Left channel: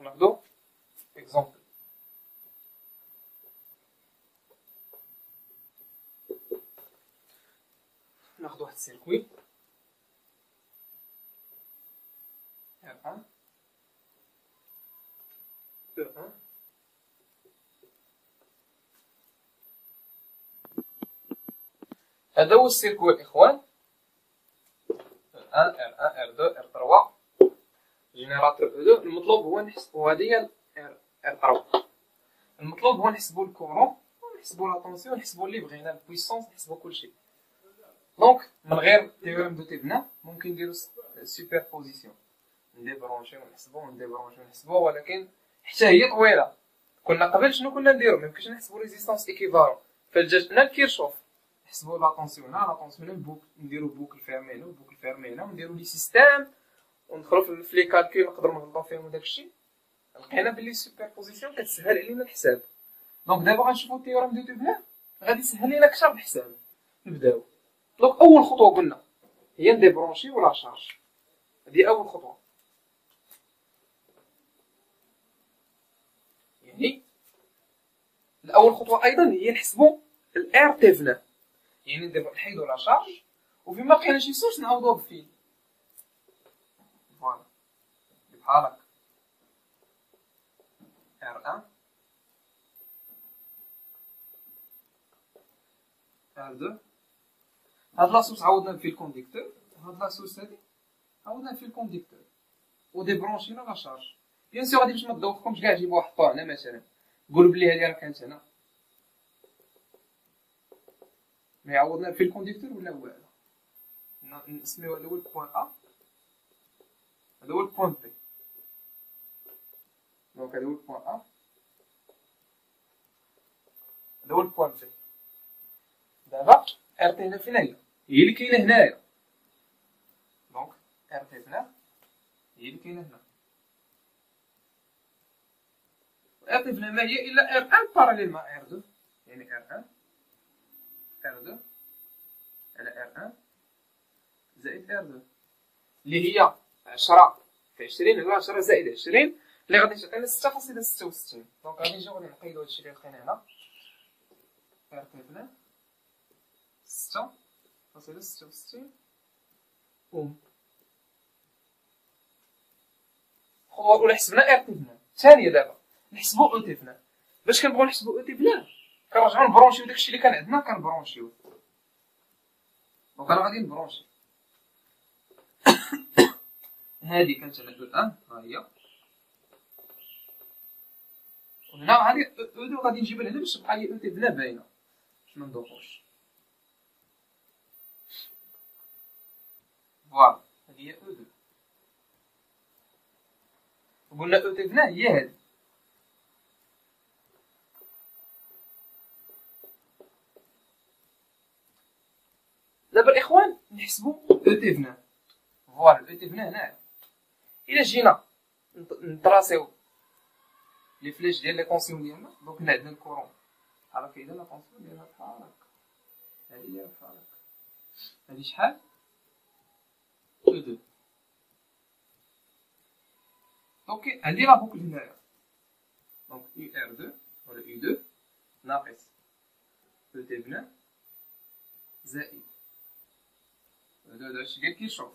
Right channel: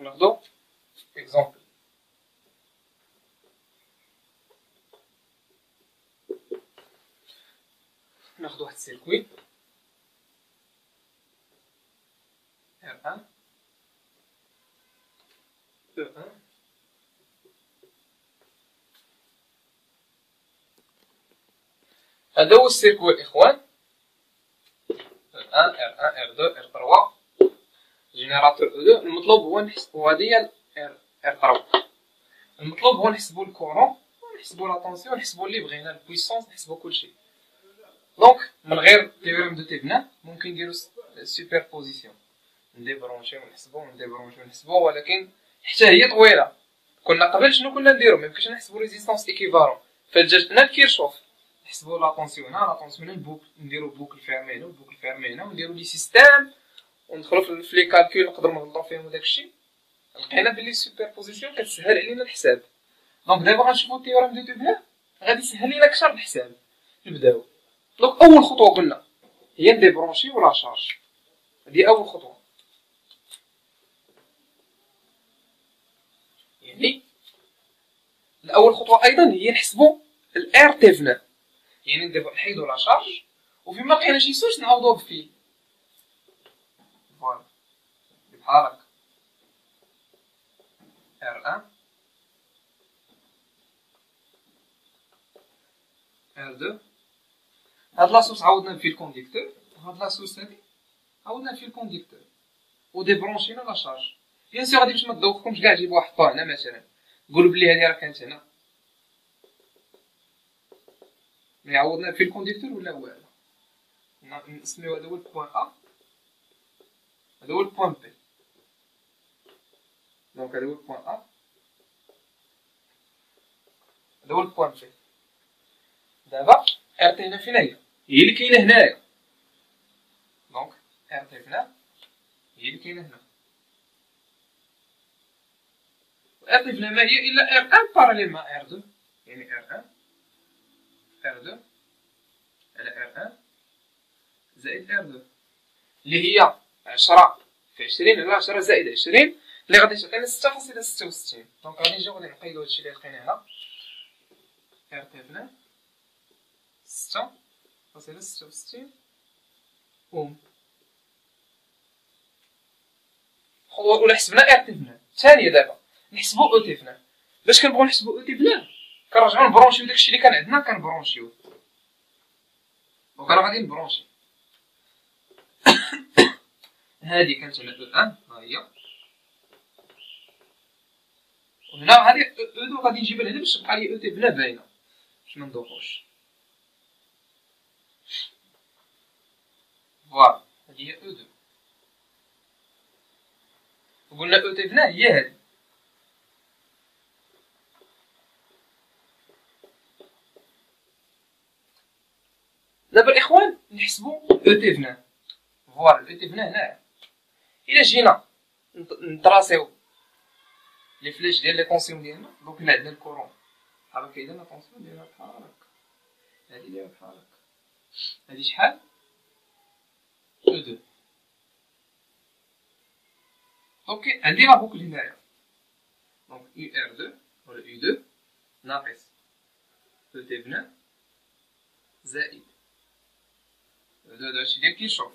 دونك ناخدو اكزومبل. ناخدو واحد السيركوي R1 E1. هذا هو السيركوي الاخوان R1 R1 R2 R3 جينيراتور O2. المطلوب هو نحسبو هادي R3. المطلوب هو نحسبو الكورون ونحسبو لا طونسيون ونحسبو اللي بغينا البويسونس نحسبو كلشي. دونك من غير تيوريم دو تيفنا ممكن نديرو سوبربوزيسيون نديبرونشيو ونحسبو نديبرونشيو ونحسبو، ولكن حتى هي طويله. كنا قبل شنو كنا نديرو؟ ميمكنش نحسبو ريزيستونس ايكيفالون فجاتنا الكيرشوف، نحسبو لا طونسيون هنا لا طونسيون البوك، نديرو بوكل فيرمي هنا وبوكل فيرمي هنا ونديرو لي سيستيم وندخلو في لي كالكول نقدرو نغلطو فيهم وداكشي. لقينا بلي السوبربوزيسيون كتسهل علينا الحساب. دونك دابا غنشوفو التيوريم دو تيفنا غادي يسهل لينا اكثر الحساب. نبداو. دونك اول خطوه قلنا هي نديبرونشي ولا شارج، هذه اول خطوه. يعني الاول خطوه ايضا هي نحسبوا الار تيفنا، يعني نحيدوا لا شارج وفيما بقينا شي سوس نعوضوه بفيه. فوالا بحال هكا R1 R2. هاد لاصوص عوضنا فيه الكونديكتور، وهاد لاصوص هادي عوضنا فيه الكونديكتور وديبرونشينا لا شارج. بيان سور غادي باش ما تدوخكمش كاع جيبوا واحد طا هنا مثلا، قولوا بلي هادي راه كانت هنا، مي عوضنا فيه الكونديكتور ولا هو هذا. نسميو هذا هو البوان ا، هذا هو البوان بي. دونك هذا هو البوان ا، هذا هو البوان بي. دابا ار تي هنا فين هي اللي كاينه هنايا. دونك ار تي هنا هي اللي كاينه هنا. ار تي هنا ما هي الا ار 1 باراليل مع ار 2، يعني ار 1 ار 2 على ار 1 زائد ار 2 اللي هي 10 في 20 على 10 زائد 20 اللي غادي تعطينا 6.66. دونك غادي نجيو غادي نقيدو هادشي اللي لقينا هنا. ار تي هنا 6.66 اوم. خطوة الأولى حسبنا ار تي هنا. الثانية دابا نحسبو او تي هنا. باش كنبغيو نحسبو او تي هنا كنرجعو نبرونشيو داكشي اللي كان عندنا كنبرونشيو. دونك انا غادي نبرونشي هادي كانت على او ان ها هي، وهنا هادي او دو غادي نجيبها لهنا باش تبقى لي او تي هنا باينه باش ما ندوخوش. فوالا هادي هي او دو. وقلنا او تي هنا هي هادي. دابا الاخوان نحسبوا او تي هنا. فوالا او تي هنا الا جينا نطراسيو لي فلاش ديال لي طونسيون ديالنا. دونك هنا عندنا الكورون بحال هكا، اذا لا طونسيون ديالها بحال هكا، هادي دايره بحال هكا، هادي شحال او 2. دونك عندي لا بوكل هنايا. دونك يو ار 2 ولا يو 2 ناقص او تي هنا زائد او 2 هادشي ديال كيشوف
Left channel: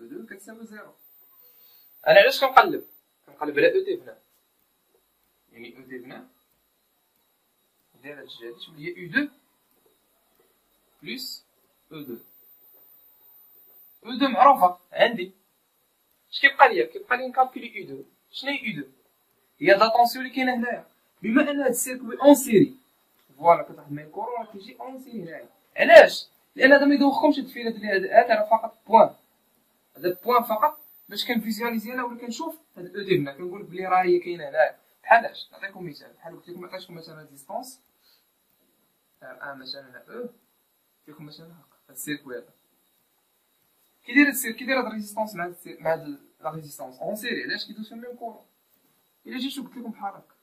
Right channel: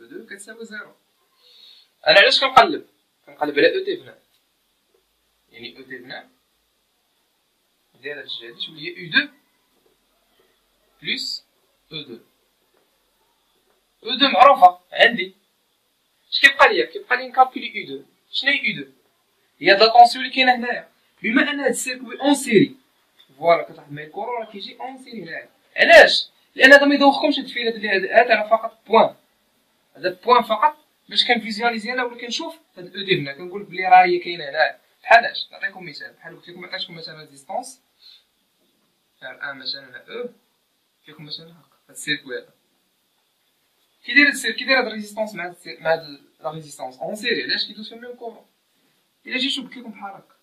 او 2 كتساوي 0. انا علاش كنقلب على او تي هنا؟ يعني او تي هنا داير هاد الجهه هادي تولي هي او 2 بلس او 2. او 2 معروفه عندي. اش كيبقى لي نكالكولي او 2. شنو هي او 2؟ هي هاد لا طونسيون اللي كاينه هنايا. بما ان هاد السيركوي اون سيري، فوالا كتلاحظ معايا الكورون راه كيجي اون سيري هنايا. علاش؟ لان هذا ما يدوخكمش هاد الفيلات اللي هاد راه فقط بوان، هذا بوان فقط باش كنفيزواليزي انا ولا كنشوف هاد او دي هنا كنقول بلي راه هي كاينه هنايا. بحالاش نعطيكم مثال، بحال قلت لكم عطيتكم مثلا ديستونس ار ان مثلا او، فيكم مثلا هكا هاد السيركوي هذا كي داير هاد الريزيستونس مع هاد لا ريزيستونس اون سيري. علاش كيدوز في الميم كورون؟ الا جيت قلت لكم بحال هكا،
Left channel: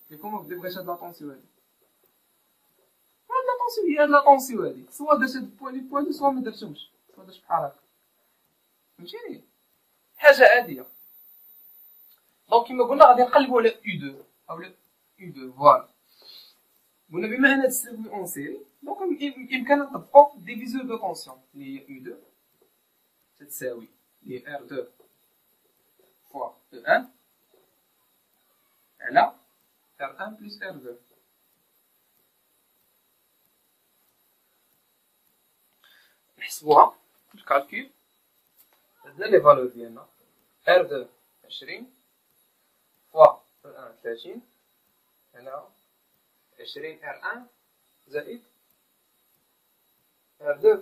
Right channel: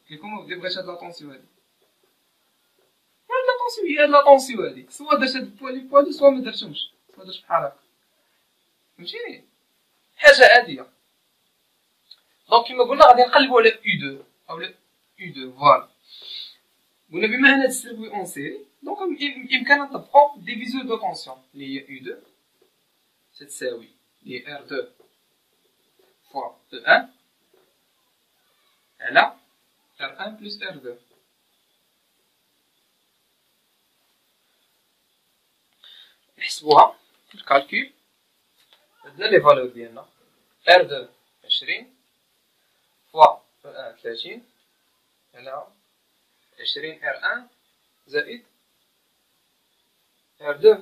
قلت لكم بغيت هاد لا طونسيون هادي، هاد لا طونسيون هي هاد لا طونسيون هادي، سوا درت هاد البوان سوا ما درتهمش، سوا درت بحال هكا، فهمتيني؟ حاجه عاديه. دونك كيما قلنا غادي نقلبوا على U2 او U2 فوالا. قلنا بما ان هاد السيركوي اون سيري دونك بامكاننا نطبقوا ديفيزور دو طونسيون اللي هي U2 تتساوي اللي هي R2 فوا E1 على R1 بلس R2. نحسبوها في الكالكول. عندنا لي فالور ديالنا R2 20 فوا E1 30 على 20 R1 زائد R2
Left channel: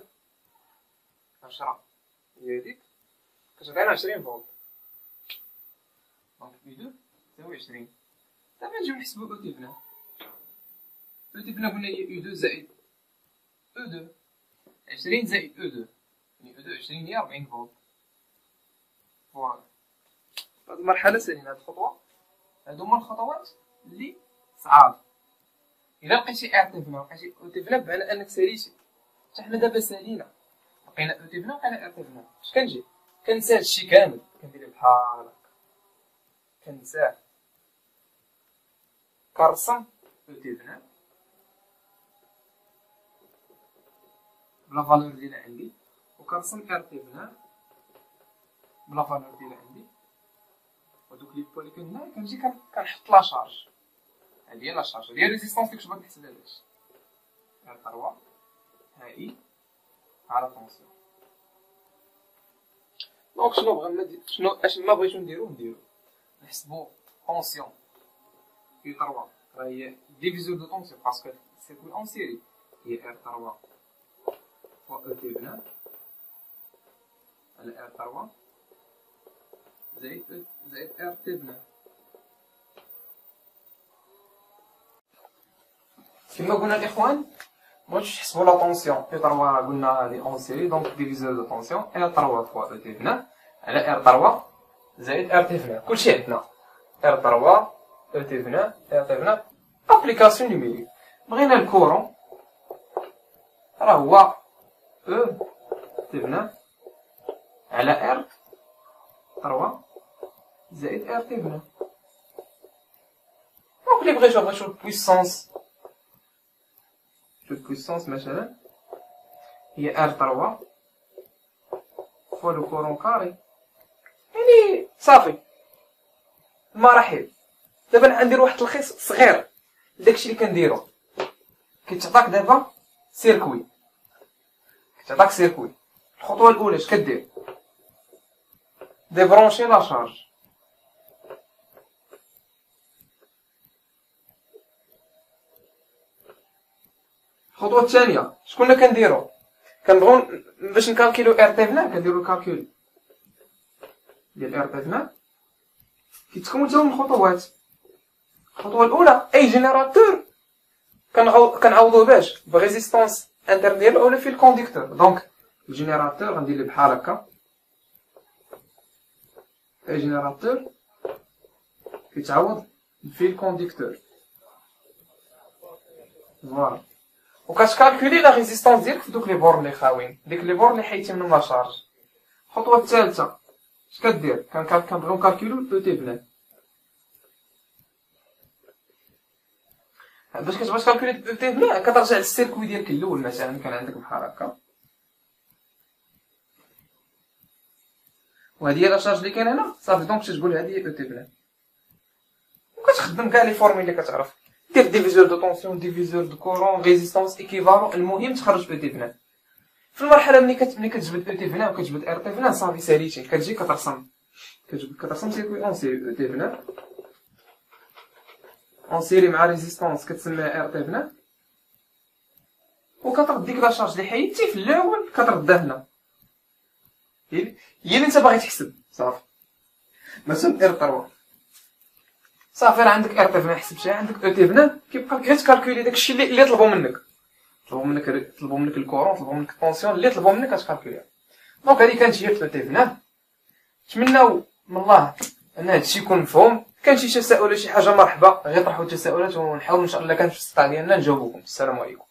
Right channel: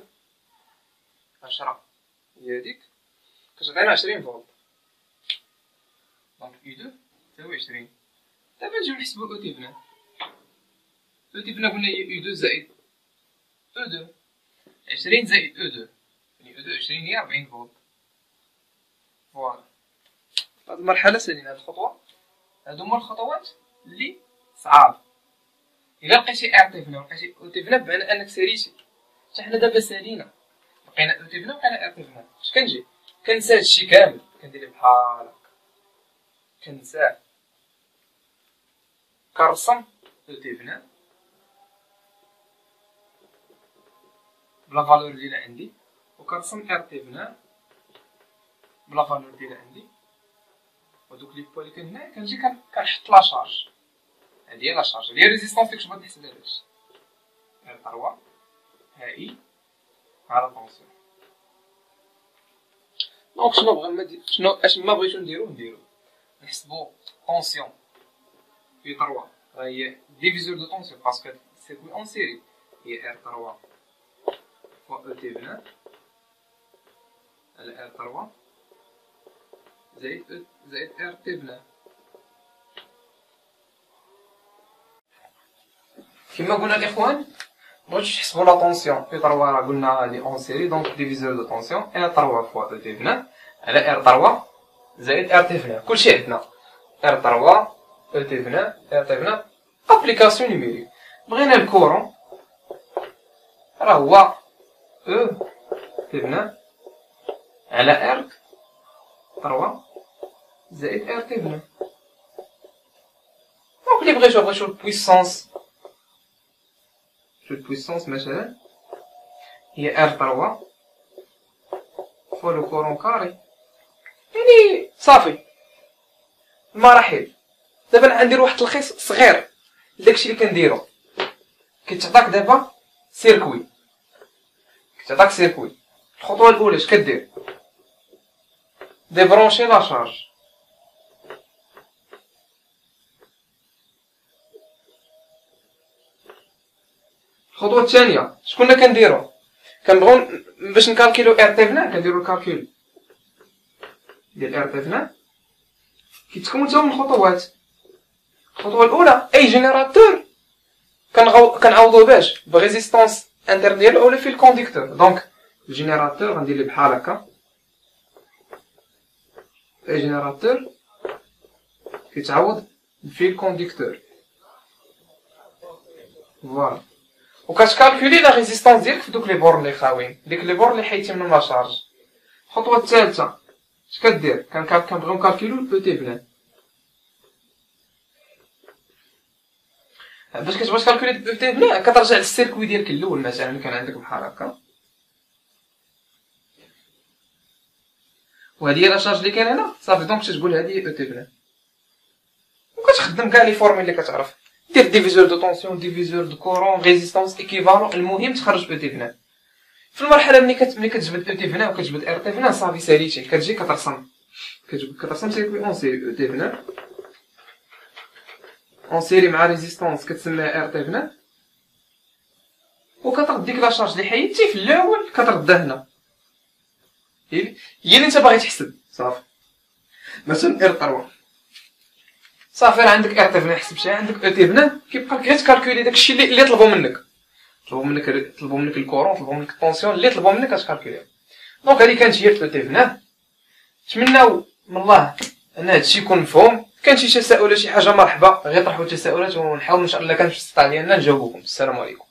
10 هي هاديك كتعطينا 20 فولت. دونك U2 تساوي 20. دابا نجيو نحسبو O تيفنا. O تيفنا قلنا هي U2 زائد O2 20 زائد O2 يعني O2 20 هي 40 فولت. فوالا هاد المرحلة سالينا هاد الخطوة. هادو هما الخطوات اللي صعاب. إلا لقيتي R تيفنا ولقيتي O تيفنا بمعنى أنك ساليتي. حتى حنا دابا سالينا لقينا O تيفنا ولقينا R تيفنا. اش كنجي كنسى هادشي كامل كندير بحال هكا كنساه كنرسم O تيفنا بلا فالور ديال عندي وكنرسم R تيفنا بلا فالور ديال عندي. ودوك لي بوا لي كاين هنايا كنجي كنحط لا شارج. هادي هي لا شارج هي ريزيستونس اللي كنت نحسب داكشي R3 هاي على طونسيون. دونك شنو بغا اش ما بغيتو نديرو نحسبو طونسيون في 3 هي ديفيزور دو طونسيون باسكو سيركوي اون سيري هي R3 فوا O تيفنا على R3 زائد R تيفنا. كما قلنا الاخوان مبغيتوش تحسبوا لا طونسيون في 3 راه قلنا هادي اون سيري دونك ديفيزور دو طونسيون R3 فوا O تيفنا على R3 زائد R تيفنا. كلشي عندنا R3 O تيفنا R تيفنا. ابليكاسيون نيميريك بغينا الكورون راه هو O تيفنا على R3 زائد R تيفنا. دونك اللي بغيتو البويسونس البويسونس مثلا هي R3 فوا لو كورون كاري يعني صافي المراحل. دابا غندير واحد التلخيص صغير لداكشي اللي كنديرو. كيتعطاك دابا سيركوي الخطوه الاولى اش كدير ديبرونشي لا شارج. الخطوه الثانيه شكون كنديرو كنبغيو باش نكالكيلو R تيفنا كنديرو الكالكول ديال R تيفنا كيتكون حتى من خطوات. الخطوه الاولى اي جينيراتور كنعوضوه باش بريزيستونس انتر ديالو اولا في الكونديكتور. دونك الجينيراتور غندير ليه بحال هكا اي جينيراتور كيتعوض في الكونديكتور فوالا. وكتكالكولي لا ريزيستونس ديالك في دوك لي بورن اللي خاويين ديك لي بورن اللي حيدتي منهم لا شارج. الخطوه الثالثه اش كدير كنبغيو نكالكولو O تيفنا. باش كتبغي تكالكولي O تيفنا كترجع للسيركوي ديالك الاول مثلا كان عندك بحال هكا وهادي هي لا شارج اللي كاين هنا صافي. دونك تقول هادي O تيفنا وكتخدم كاع لي فورمول اللي كتعرف دير ديفيزور دو طونسيون ديفيزور دو كورون ريزيستونس ايكيفالون. المهم تخرج O تيفنا. في المرحله ملي كتجبد O تيفنا وكتجبد R تيفنا صافي ساليتي كتجي كترسم سيركوي اون سيري O تيفنا اون سيري مع ريزيستونس كتسميها R تيفنا وكترد ديك لا شارج اللي حيدتي في الاول كتردها هنا هي اللي انت باغي تحسب صافي. مثلا R3 صافي راه عندك R تيفنا حسبتيها عندك O تيفنا كيبقى غير تكالكولي داكشي اللي طلبوا منك الكورون طلبوا منك الطونسيون اللي طلبوا منك كتكالكوليها. دونك هذه كانت هي O تيفنا. نتمناو من الله ان هادشي يكون مفهوم. كان شي تساؤل ولا شي حاجه مرحبا غير طرحوا التساؤلات ونحاول ان شاء الله كان في الاستطاعه ديالنا نجاوبكم. السلام عليكم.